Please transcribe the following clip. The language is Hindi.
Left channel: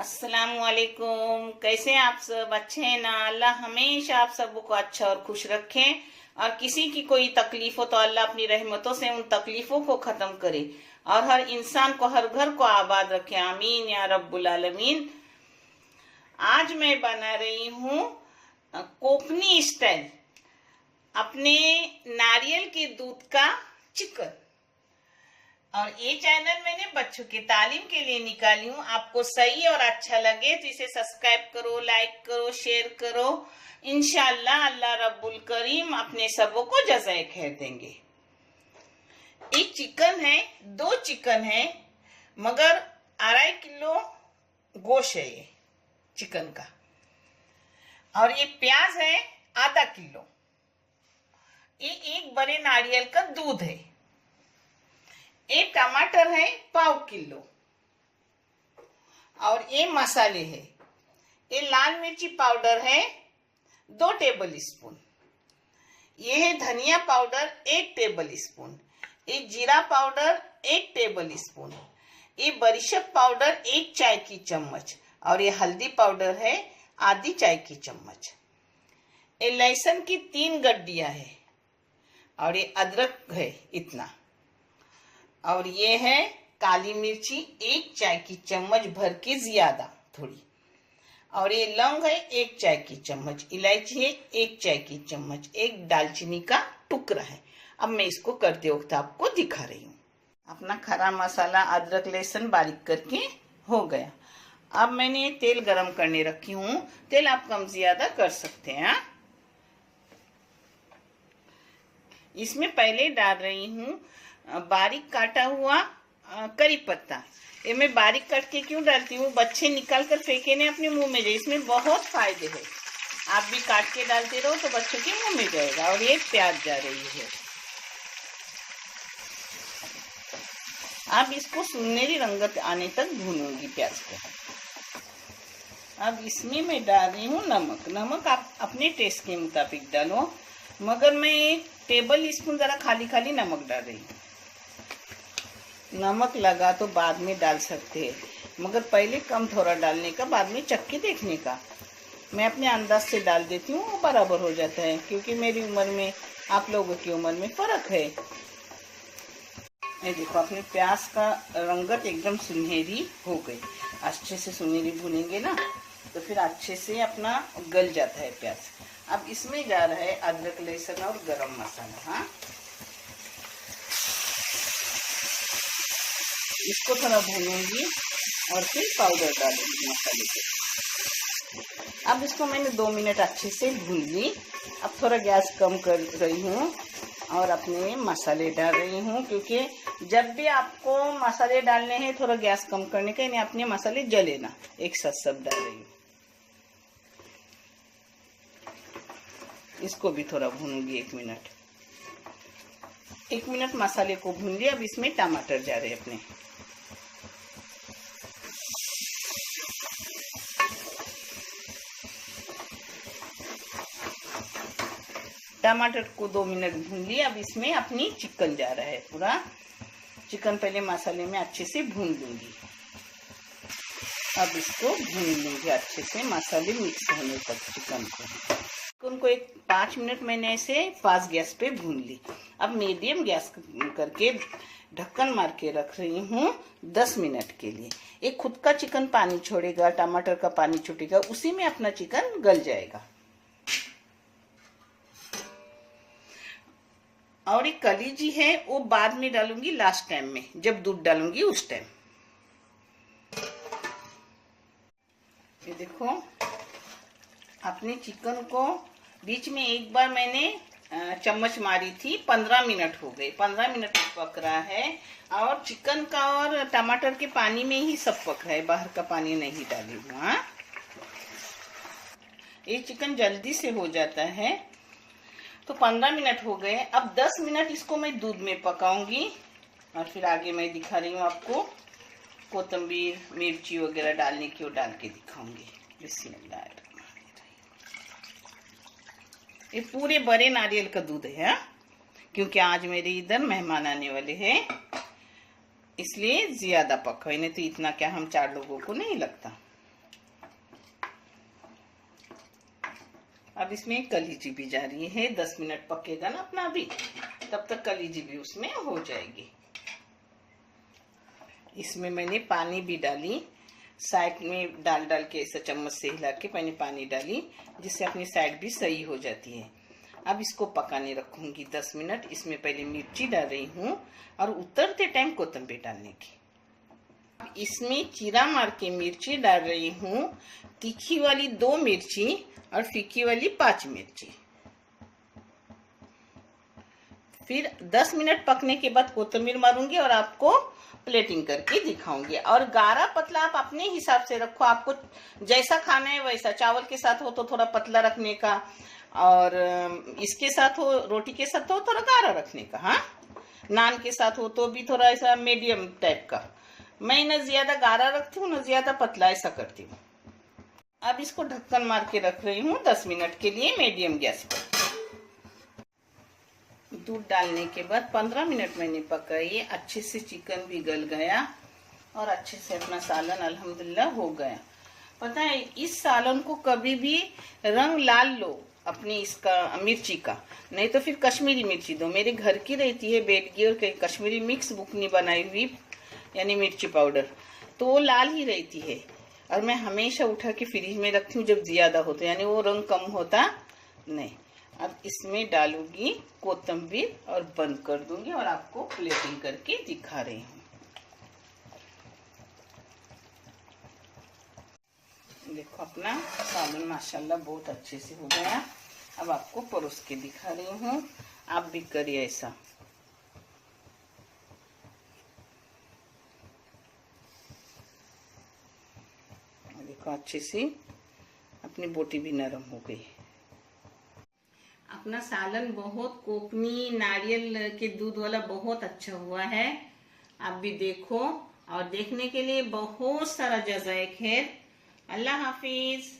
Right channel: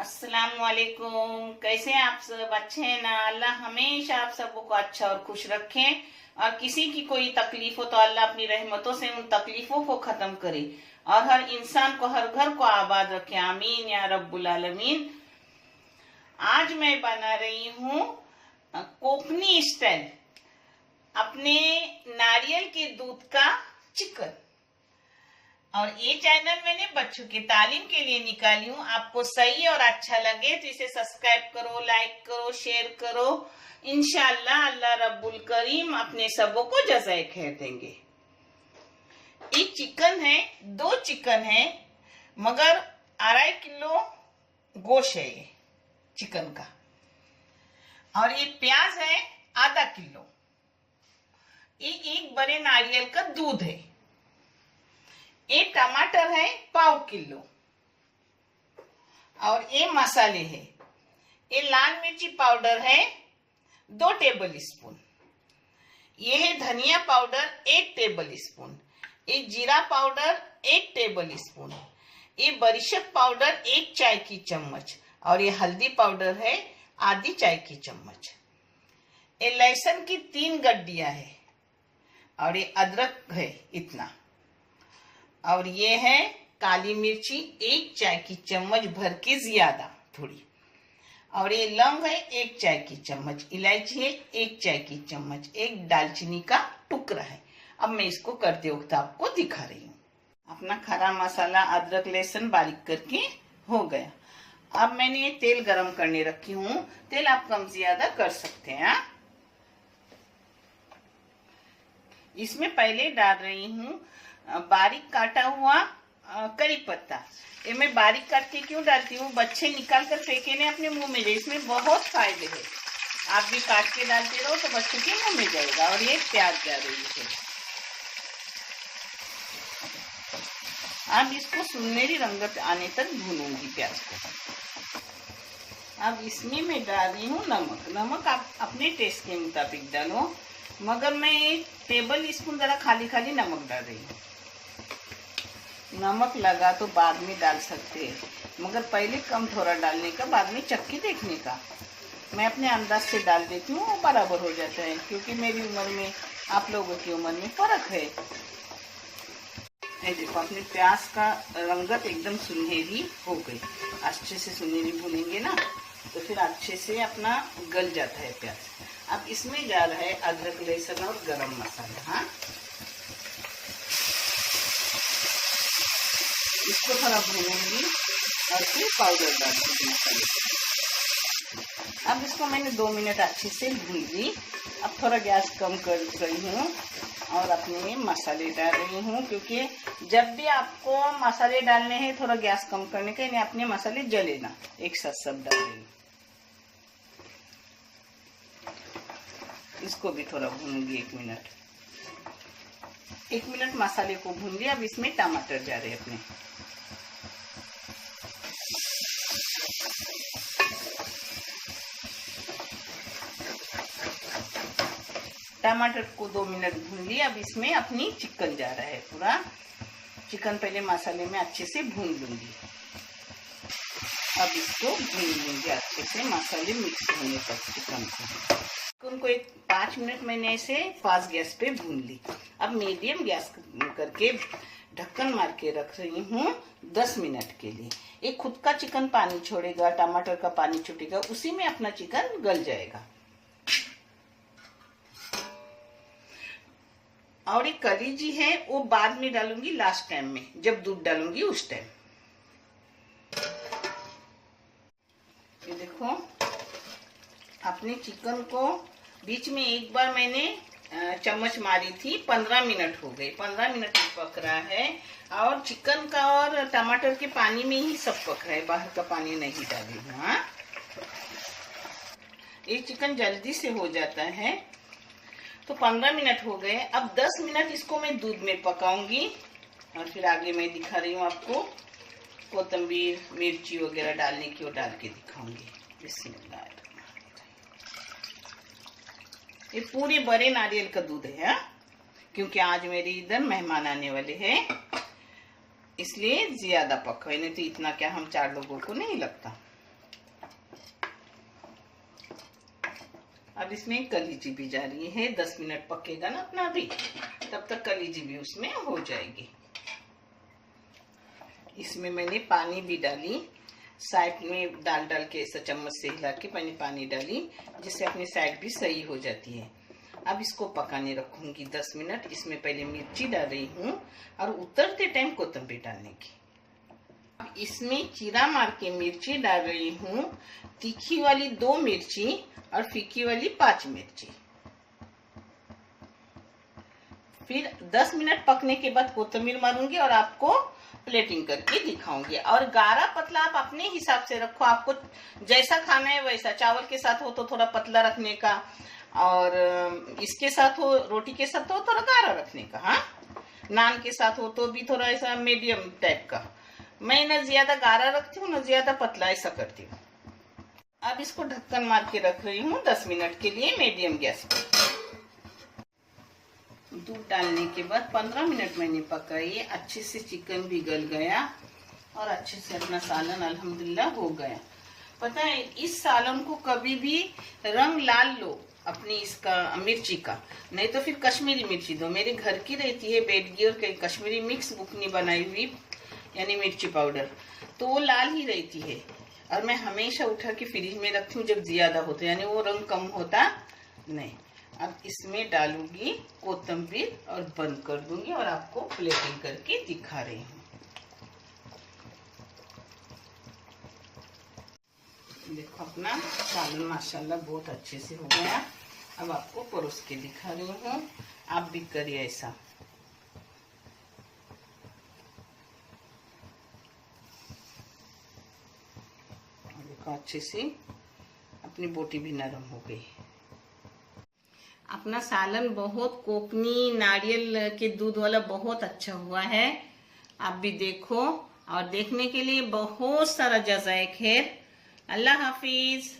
अस्सलामुअलैकुम। कैसे हैं आप सब? अच्छे हैं ना? अल्लाह हमेशा आप सबको अच्छा और खुश रखें, और किसी की कोई तकलीफ हो तो अल्लाह अपनी रहमतों से उन तकलीफों को खत्म करे और हर इंसान को, हर घर को आबाद रखे। आमीन या रब्बुल आलमीन। आज मैं बना रही हूँ कोकनी स्टाइल अपने नारियल के दूध का चिकन। और ये चैनल मैंने बच्चों की तालीम के लिए निकाली हूँ। आपको सही और अच्छा लगे तो इसे सब्सक्राइब करो, लाइक करो, शेयर करो। इंशाल्लाह अल्लाह रब्बुल करीम अपने सबों को जज़ाए खैर देंगे। एक चिकन है, 2 चिकन है, मगर 2.5 किलो गोश्त है ये चिकन का। और ये प्याज है आधा किलो। ये एक बड़े नारियल का दूध है। ये टमाटर है 1/4 किलो। और ये मसाले है, ये लाल मिर्ची पाउडर है 2 टेबल स्पून। ये है धनिया पाउडर 1 टेबल स्पून। ये जीरा पाउडर 1 टेबल स्पून। ये बरिशत पाउडर 1 चाय की चम्मच। और ये हल्दी पाउडर है आधी चाय की चम्मच। ये लहसुन की 3 गड्डियां है। और ये अदरक है इतना। और ये है काली मिर्ची 1 चाय की चम्मच भर के ज्यादा थोड़ी। और ये लौंग है 1 चाय की चम्मच। इलायची है 1 चाय की चम्मच। एक दालचीनी का टुकड़ा है। अब मैं इसको करते वक्त आपको दिखा रही हूँ। अपना खरा मसाला अदरक लहसुन बारीक करके हो गया। अब मैंने तेल गरम करने रखी हूँ। तेल आप कम ज्यादा कर सकते हैं। इसमें पहले डाल रही हूँ बारीक काटा हुआ करी पत्ता। ये मैं बारीक काट के क्यों डालती हूँ? बच्चे निकाल कर फेंके ने अपने मुंह में जाए, इसमें बहुत फायदे हैं। आप भी काट के डालते रहो तो बच्चों के मुंह में जाएगा। और ये प्याज जा रही है। अब इसको सुनहरी रंगत आने तक भूनूंगी प्याज को। अब इसमें मैं डाल रही हूँ नमक। नमक आप अपने टेस्ट के मुताबिक डालो, मगर मैं 1 टेबल स्पून जरा खाली खाली नमक डाल रही हूँ। नमक लगा तो बाद में डाल सकते हैं, मगर पहले कम थोड़ा डालने का, बाद में चक्की देखने का। मैं अपने अंदाज से डाल देती हूँ, वो बराबर हो जाता है, क्योंकि मेरी उम्र में आप लोगों की उम्र में फर्क है। देखो अपने प्याज का रंगत एकदम सुनहरी हो गई। अच्छे से सुनहरी भूनेंगे ना तो फिर अच्छे से अपना गल जाता है प्याज। अब इसमें जा रहा है अदरक लहसुन और गरम मसाला। हाँ, इसको थोड़ा भूनूंगी और फिर पाउडर डालूंगी मसाले को। अब इसको मैंने 2 मिनट अच्छे से भून ली। अब थोड़ा गैस कम कर रही हूँ और अपने मसाले डाल रही हूँ, क्योंकि जब भी आपको मसाले डालने हैं थोड़ा गैस कम करने का, इन्हें अपने मसाले जले ना। एक साथ सब डाल रही हूँ। इसको भी थोड़ा भूनूंगी 1 मिनट। 1 मिनट मसाले को भून लिया। अब इसमें टमाटर जा रहे हैं अपने। टमाटर को 2 मिनट भून लिया। अब इसमें अपनी चिकन जा रहा है। पूरा चिकन पहले मसाले में अच्छे से भून लूंगी। अब इसको भून लूंगी अच्छे से, मसाले मिक्स होने तक चिकन को 5 मिनट मैंने ऐसे फास्ट गैस पे भून ली। अब मीडियम गैस करके ढक्कन मार के रख रही हूँ 10 मिनट के लिए। ये खुद का चिकन पानी छोड़ेगा, टमाटर का पानी छूटेगा, उसी में अपना चिकन गल जाएगा। और एक कलीजी है वो बाद में डालूंगी, लास्ट टाइम में जब दूध डालूंगी उस टाइम। ये देखो अपने चिकन को बीच में एक बार मैंने चम्मच मारी थी। 15 मिनट हो गए। 15 मिनट पक रहा है। और चिकन का और टमाटर के पानी में ही सब पक रहा है, बाहर का पानी नहीं डाली हूँ। हाँ, ये चिकन जल्दी से हो जाता है। तो 15 मिनट हो गए। अब 10 मिनट इसको मैं दूध में पकाऊंगी और फिर आगे मैं दिखा रही हूँ आपको कोतंबीर मिर्ची वगैरह डालने की, वो डाल के दिखाऊंगी। बिस्मिल्लाह। ये पूरे बड़े नारियल का दूध है, क्योंकि आज मेरे इधर मेहमान आने वाले हैं, इसलिए ज्यादा पका है। नहीं तो इतना क्या, हम 4 लोगों को नहीं लगता। अब इसमें कलीजी भी जा रही है, 10 मिनट पकेगा ना अपना अभी, तब तक कलीजी भी उसमें हो जाएगी। इसमें मैंने पानी भी डाली, साइड में डाल डाल के ऐसा चम्मच से हिला के मैंने पानी डाली, जिससे अपनी साइड भी सही हो जाती है। अब इसको पकाने रखूंगी 10 मिनट। इसमें पहले मिर्ची डाल रही हूँ और उतरते टाइम कोतंबीर डालने की। इसमें चीरा मार के मिर्ची डाल रही हूँ, तीखी वाली 2 मिर्ची और फीकी वाली 5 मिर्ची। फिर 10 मिनट पकने के बाद कोतंबीर मारूंगी और आपको प्लेटिंग करके दिखाऊंगी। और गाढ़ा पतला आप अपने हिसाब से रखो, आपको जैसा खाना है वैसा। चावल के साथ हो तो थोड़ा पतला रखने का, और इसके साथ हो, रोटी के साथ हो थोड़ा गाढ़ा रखने का। हाँ, नान के साथ हो तो भी थोड़ा ऐसा मीडियम टाइप का। मैं न ज्यादा गाढ़ा रखती हूँ न ज्यादा पतला, ऐसा करती हूँ। अब इसको ढक्कन मार के रख रही हूँ 10 मिनट के लिए मीडियम गैस पर। दूध डालने के बाद 15 मिनट मैंने पकाई, अच्छे से चिकन भी गल गया और अच्छे से अपना सालन अल्हम्दुलिल्लाह हो गया। पता है, इस सालन को कभी भी रंग लाल लो अपनी इसका मिर्ची का, नहीं तो फिर कश्मीरी मिर्ची दो। मेरे घर की रहती है बेडगी और कश्मीरी मिक्स बुकनी बनाई हुई, यानी मिर्ची पाउडर, तो वो लाल ही रहती है। और मैं हमेशा उठा के फ्रिज में रखती हूँ जब ज्यादा होता है, यानी वो रंग कम होता नहीं। अब इसमें डालूंगी कोतंबीर और बंद कर दूंगी और आपको प्लेटिंग करके दिखा रही हूँ। देखो अपना सालन माशाल्लाह बहुत अच्छे से हो गया। अब आपको परोस के दिखा रही हूँ, आप भी करिए ऐसा। देखो अच्छे से अपनी बोटी भी नरम हो गई। अपना सालन बहुत कोपनी नारियल के दूध वाला बहुत अच्छा हुआ है। आप भी देखो, और देखने के लिए बहुत सारा जज़ाए खैर। अल्लाह हाफिज।